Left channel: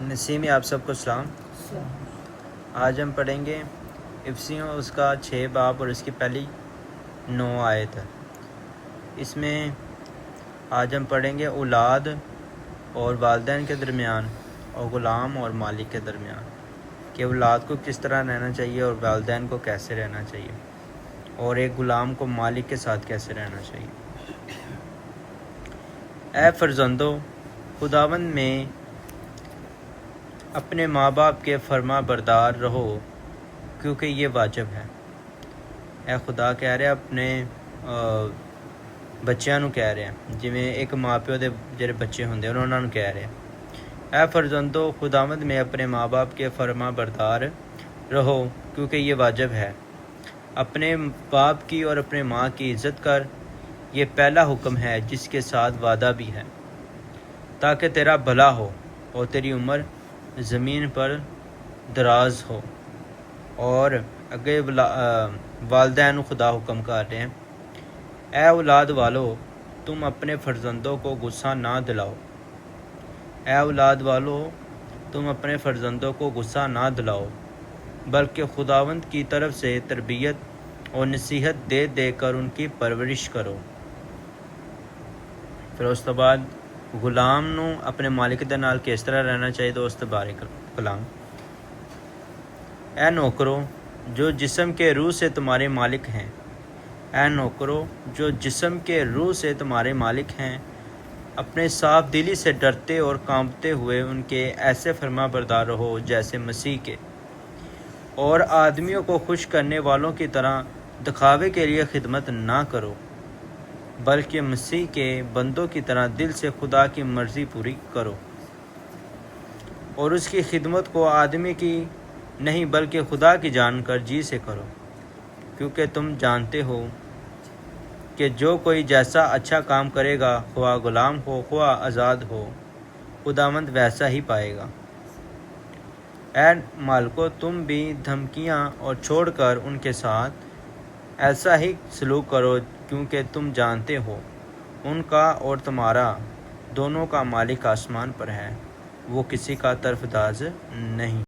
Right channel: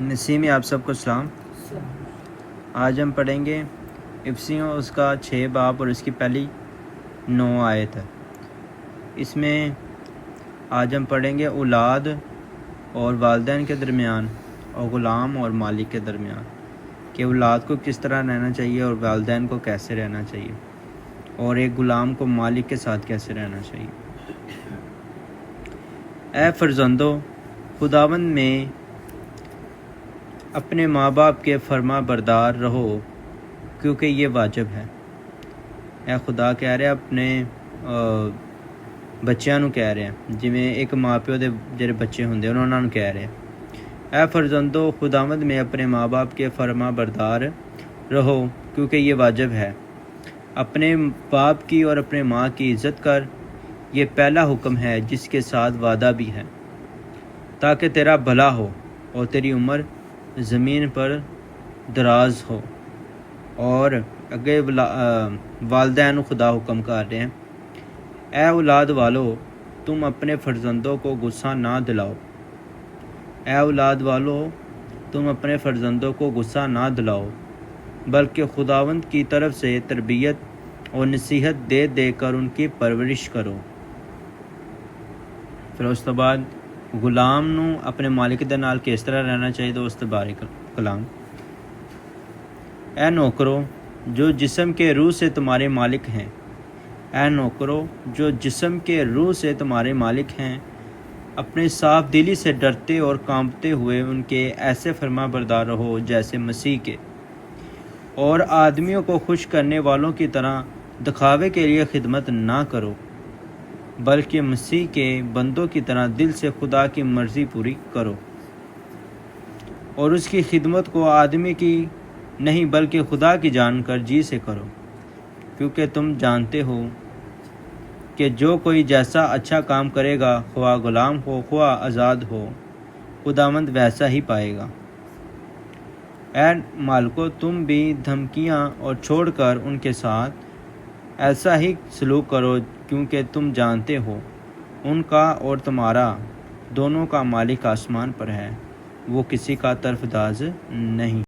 نسیمی آپ سب کو سلام۔ آج ہم پڑھیں گے افسیوں اس کا 6 باب اور اس کی پہلی 9 آیت ہے۔ اس میں آج ہم پڑھیں گے اولاد اور والدین کے درمیان اور غلام اور مالک کے درمیان کہ اولاد کو کس طرح رہنا چاہیے اور والدین کو کیسے رہنا چاہیے اور ایک غلام کو مالک کے ساتھ کیسے رہنا چاہیے۔ اے فرزندو، خداوند میں اپنے ماں باپ کے فرما بردار رہو کیونکہ یہ واجب ہے۔ اے خدا کہہ رہے اپنے بچیاں نو کہہ رہے ہیں، جویں ایک ماں پیو دے جڑے بچے ہوندے انہاں نو کہہ رہے ہیں، اے فرزندو خداوند میں اپنے ماں باپ کے فرما بردار رہو کیونکہ یہ واجب ہے۔ اپنے باپ کی اور اپنے ماں کی عزت کر، یہ پہلا حکم ہے جس کے ساتھ وعدہ بھی ہے، تاکہ تیرا بھلا ہو اور تیری عمر زمین پر دراز ہو۔ اور اگے والدین خدا حکم کر رہے ہیں، اے اولاد والو تم اپنے فرزندوں کو غصہ نہ دلاؤ۔ اے اولاد والو تم اپنے فرزندوں کو غصہ نہ دلاؤ، بلکہ خداوند کی طرف سے تربیت اور نصیحت دے دے کر ان کی پرورش کرو۔ پھر اس کے بعد غلام نو اپنے مالک دے نال کس طرح رہنا چاہیے۔ دوست بارک کلام، اے نوکرو جو جسم کے روح سے تمہارے مالک ہیں، اے نوکرو جو جسم کے روح سے تمہارے مالک ہیں، اپنے صاف دلی سے ڈرتے اور کانپتے ہوئے ان کے ایسے فرما بردار رہو جیسے مسیح کے، اور آدمیوں کو خوش کرنے والوں کی طرح دکھاوے کے لیے خدمت نہ کرو، بلکہ مسیح کے بندوں کی طرح دل سے خدا کی مرضی پوری کرو، اور اس کی خدمت کو آدمی کی نہیں بلکہ خدا کی جان کر جی سے کرو، کیونکہ تم جانتے ہو کہ جو کوئی جیسا اچھا کام کرے گا، خواہ غلام ہو خواہ آزاد ہو، خداوند ویسا ہی پائے گا۔ اے مالکو تم بھی دھمکیاں اور چھوڑ کر ان کے ساتھ ایسا ہی سلوک کرو، کیونکہ تم جانتے ہو ان کا اور تمہارا دونوں کا مالک آسمان پر ہے، وہ کسی کا طرفدار نہیں۔